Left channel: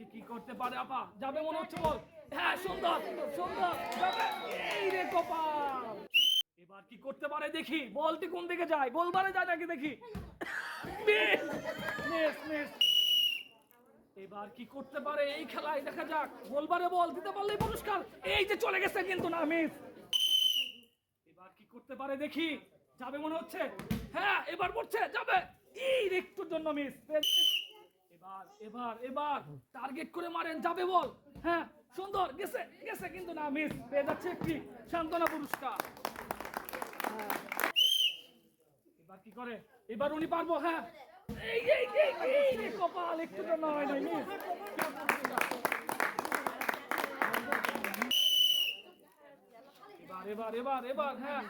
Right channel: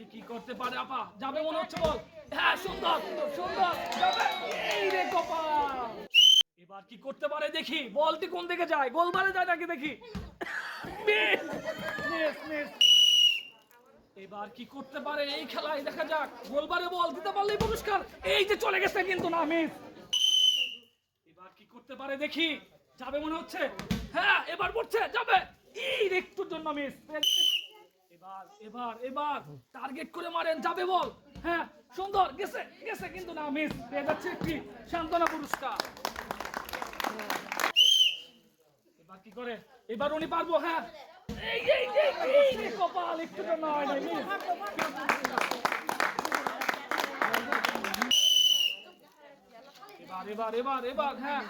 দেখি কি করতে পারে আপা। যাবে মনে হচ্ছে, বল। হ্যাঁ, সুন্দর সুন্দর সুন্দর, যাবে। এই রে কপাল। এবার কি করতে পারে দেখি, বলটি কোন দিকে যায়, গোলবারে যায় নাকি দেখি। Miss, miss, miss. এবার কি করতে পারে এই খেলায়, দেখা যাক। গোলবারে বল দিতে পারলেই পুরস্কার। এই যে চলে গেছে, কিন্তু না, মিস। এবার কি করতে পারে দেখি, যাবে মনে হচ্ছে। হ্যাঁ, এবার পড়ছে, যাবে। এই একটুর জন্য মিস। এবার এবার এবার টার্গেট করে মারেন, যাবে বল। হ্যাঁ, সুন্দর, গেছে গেছে, কিন্তু না, মিস। পেয়ে যাচ্ছে একটি সান্ত্বনা পুরস্কার। এবার কি করে, এবার উনি পারবো। হ্যাঁ, এই এই এই এই রে কপাল, একটু জন্য হয় নাই। এবার এবার এবার এবার হ্যাঁ,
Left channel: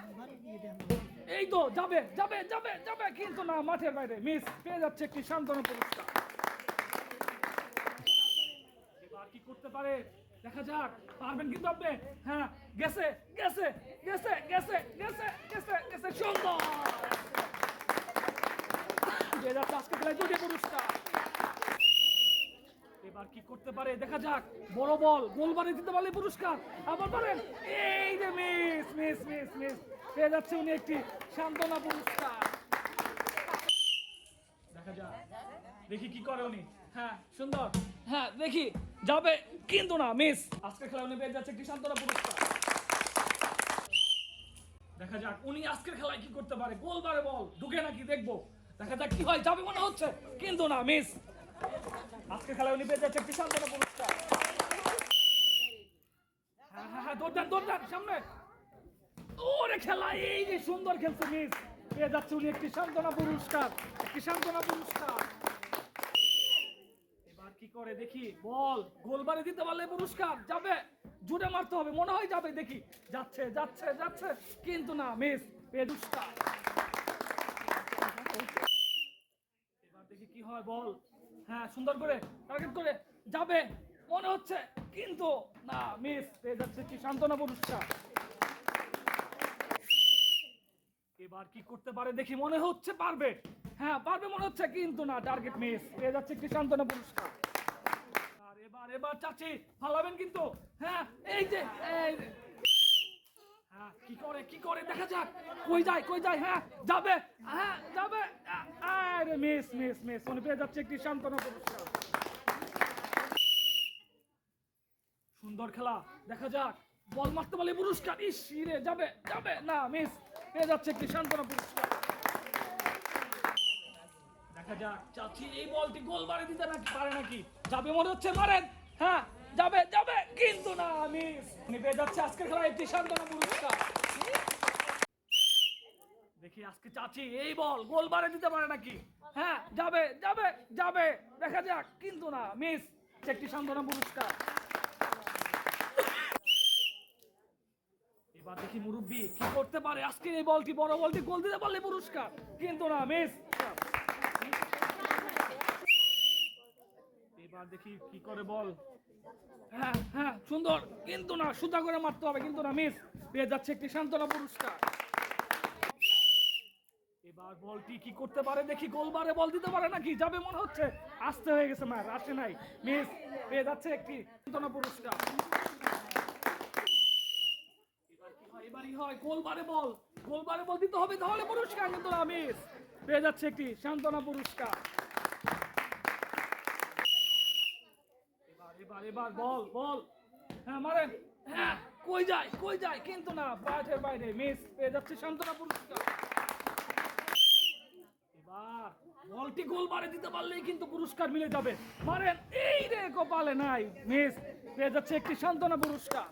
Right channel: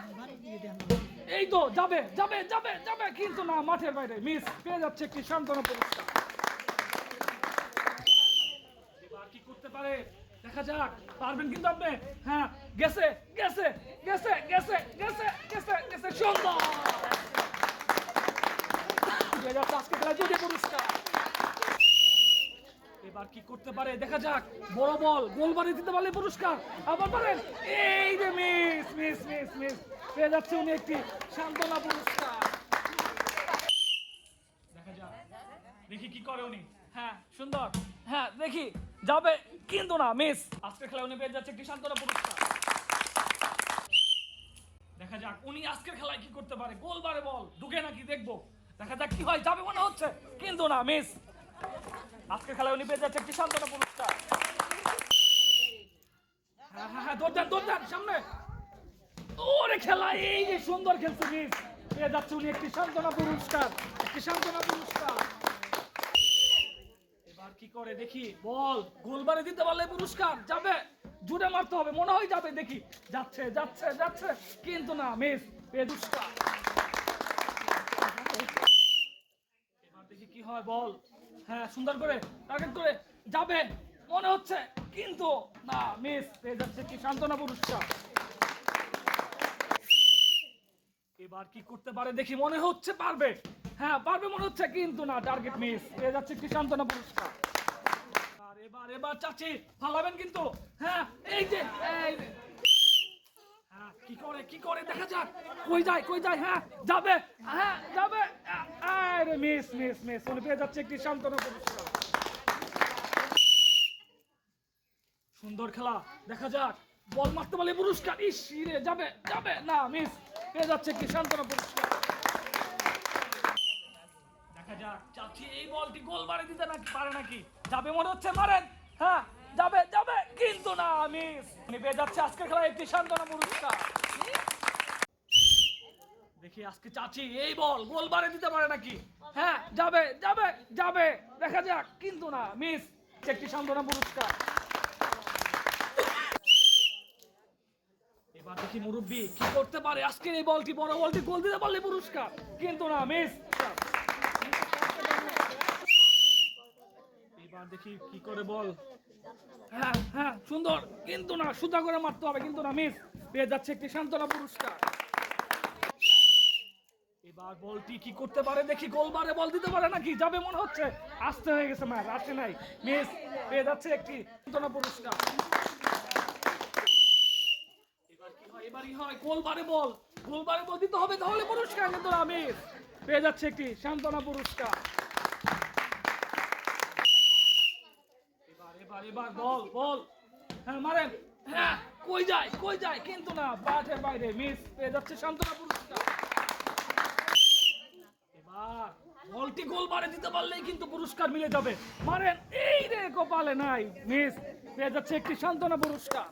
এই তো যাবে যাবে যাবে যাবে, কিন্তু না, মাঠের বাইরে, মিস। পেয়ে যাচ্ছে একটি সান্ত্বনা পুরস্কার। এবার কি করতে পারে দেখা যাক, পারবেন কিন্তু আপনি। হ্যাঁ, গেছে গেছে গেছে গেছে গেছে গেছে গেছে, সুন্দর। পেয়ে যাচ্ছে আজকে খেলা দুটি পুরস্কার। এবার কি করতে পারে দেখা যাক, বড় বল গোলবারে দিতে পারলে পুরস্কার। আবার পারেন, এই যে মিস মিস মিস মিস। পেয়ে যাচ্ছে উনি একটি সান্ত্বনা পুরস্কার। দেখা যাক, দেখি কি করে উনি। হ্যাঁ, সুন্দর। হ্যাঁ, দেখি, যাবে, কিন্তু না, মিস। আজকে খেলা উনি পেয়ে যাচ্ছে একটি সান্ত্বনা পুরস্কার। দেখা যাক উনি আজকের খেলায় কি করতে পারে, গোলবারে বল ঢুকে নাকি দেখবো। দেখা যাক কি হয়, যাবে মনে হচ্ছে, কিন্তু না, মিস। আজকের খেলায় উনি পেয়ে যাচ্ছে একটি সান্ত্বনা পুরস্কার। হ্যাঁ হ্যাঁ হ্যাঁ, দৌড় দেন দৌড় দেন, সামনে। ওরে খেলা, এই যে সুন্দর খেলছে, মিস। পেয়ে যাচ্ছে উনি একটি সান্ত্বনা পুরস্কার, একটি সান্ত্বনা পুরস্কার। এবার কি করে দেখি, বল গোলবারে দিতে পারলে পুরস্কার, যাবে। জুড়ে মারতে হবে, মনে হয় যাবে, দেখি। যাচ্ছে যাচ্ছে যাচ্ছে, কিন্তু না, মিস। পেয়ে পুরস্কার। এবার দেখি কি হয়, বল। হ্যাঁ, সুন্দর করে টার্গেট করে, যাবে মনে হচ্ছে, কিন্তু না, মিস। পেয়ে যাচ্ছে কি সান্ত্বনা পুরস্কার। এবার কি করতে পারে দেখি, মনে হচ্ছে পারবে। হ্যাঁ, পারবে মনে হচ্ছে, কিন্তু না, টার্গেট মিস। পেয়ে যাচ্ছে কি সান্ত্বনা পুরস্কার। এবার এবার এবার চাচি ফালাবেন কিন্তু। হ্যাঁ, এই যে এই। হ্যাঁ, কি করে কি করে দেখা যাক, কই যায় কই যায়। হ্যাঁ, যাবে। হ্যাঁ, যাবে। আরে মিস মিস মিস, উনি পেয়ে যাচ্ছে একটি সান্ত্বনা পুরস্কার। সুন্দর খেলা, দেখা যাক, বল মারতে পারলে পুরস্কার। ইস রে, যাবে যাবে, না, মিস। পেয়ে যাচ্ছে কি সান্ত্বনা পুরস্কার। দেখা যাক চাচি এই বলটি গোল বারে দিতে নাকি পারে নাকি, যাবে মনে হচ্ছে, মারেন। হ্যাঁ, যাবে যাবে, কিন্তু না, মিস। উনি পেয়ে যাচ্ছে আজকের খেলা একটি সান্ত্বনা পুরস্কার। দেখি আজকে চাচি এই বল গোল বারে দিতে পারে নাকি। হ্যাঁ, যাবে যাবে যাবে, দেখা যাক, কিন্তু না, মিস। একটি সান্ত্বনা পুরস্কার। এবার দেখি মুরব্বি কি করতে পারে, আজকের এই বলটি, বড় বলটি গোল দিতে পারলে পুরস্কার, কিন্তু না, মিস। এবার দেখি কি করে, বল। হ্যাঁ হ্যাঁ, সুন্দর, কিন্তু না, সুতা করে মারতে হবে, কিন্তু না, মিস। পেয়ে যাচ্ছে একটি সান্ত্বনা পুরস্কার। এবার বলটি কি করতে পারে দেখি, গোলবারে বল দিতে পারে নাকি, যাবে মনে হচ্ছে, আসতে হয়ে গেছে, না আসে নাই, মিস। পেয়ে যাচ্ছে একটি সান্ত্বনা পুরস্কার। এবার কি হয়, এবারই হয়, গোলবারে বল, গোলবারে বল দিতে হবে, তাহলে পুরস্কার, কিন্তু না, মিস। পেয়ে যাচ্ছে একটি সান্ত্বনা পুরস্কার। এবার এবার এবার বল বল। হ্যাঁ, মারেন। হ্যাঁ, কই যায়, কিন্তু না, মাঠের বাইরে, মিস। পেয়ে যাচ্ছে সান্ত্বনা পুরস্কার। এবার বলটি গোল বারে দিতে পারলেই কিন্তু পুরস্কার মিলে যাবে, মারেন। এই রে কপালে নাই, মিস। পেয়ে যাচ্ছে একটি সান্ত্বনা পুরস্কার।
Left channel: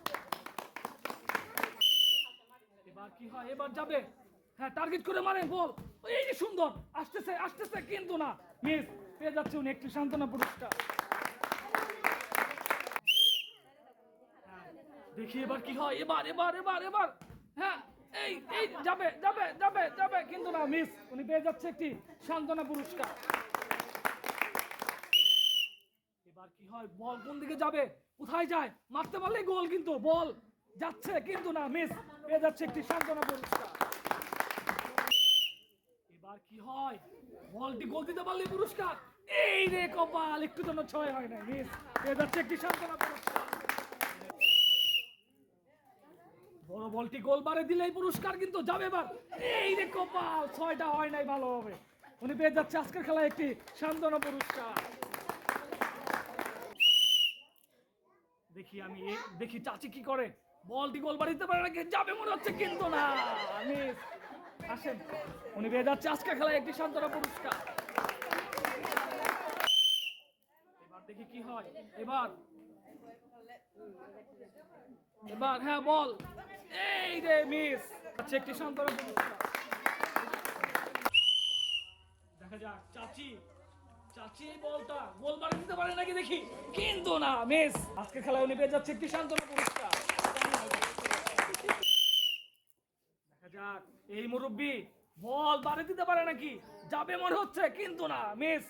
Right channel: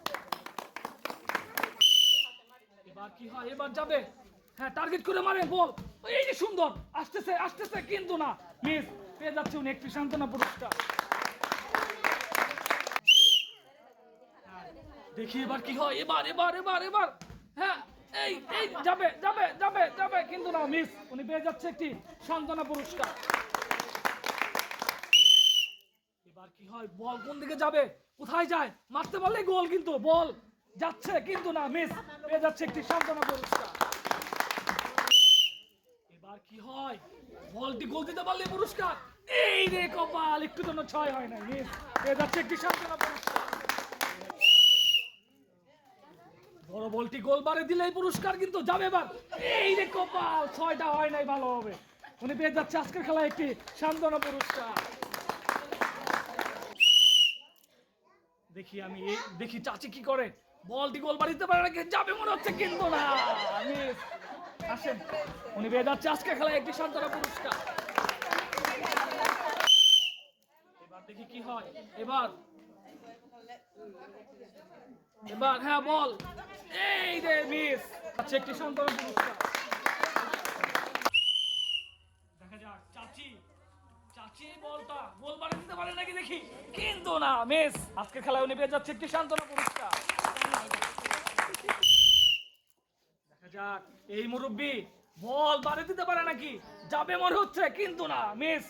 এবার কি হয়, এবার যাবে। হ্যাঁ, টার্গেট করে মারে, বল। এই যে সুন্দর, আসতেছে আসতেছে, কিন্তু না, মিস। পেয়ে যাচ্ছে উনি একটি সান্ত্বনা পুরস্কার। দেখি এবার কি হয়, এবার এবার এবার এবার। হ্যাঁ, এই এই যাবে যাবে যাবে যাবে, কিন্তু না, মিস। উনি পেয়ে যাচ্ছে একটি সান্ত্বনা পুরস্কার। এবার কি হয়, বল কোন দিকে যাবে, কোথায় যায়, মারতে পারলে গোল, কিন্তু বল যাচ্ছে, কিন্তু না, মিস। পেয়ে যাচ্ছে একটি সান্ত্বনা পুরস্কার। এবার কি হয়, বলটি গোল দিতে পারলে পুরস্কার। এই রে কপাল, একটু জন্য ছয় হয় না, মিস। পেয়ে যাচ্ছে একটি সান্ত্বনা পুরস্কার। বড় বলটি গোলবারে দিলে এই পুরস্কার কিন্তু যাবে এবার। এই রে কপাল, 6টা হয় নাই, ভালো হবে। উনি পেয়ে যাচ্ছে আজকের খেলায় একটি সান্ত্বনা পুরস্কার। দেখি চাচি কি করে। বলটি গোলবারে দিতে পারে নাকি, যাবে মনে হচ্ছে কিন্তু না। মিস। আসেন, উনি পেয়ে যাচ্ছে আজকের খেলায় একটি সান্ত্বনা পুরস্কার। এবার দেখি কি হয়। এবার হ্যাঁ বল। এই রে মিস। আচ্ছা, একটি সান্ত্বনা পুরস্কার। দেখা যাক চাচি এই বলটা গোলবারে দিতে পারে নাকি দেখি, কিন্তু না, মিস। আজকের খেলায় উনি পেয়ে যাচ্ছে একটি সান্ত্বনা পুরস্কার। দেখা যাক এই মুরব্বি বল বারে দিতে পারে নাকি, যাবে মনে হচ্ছে কিন্তু না, মিস।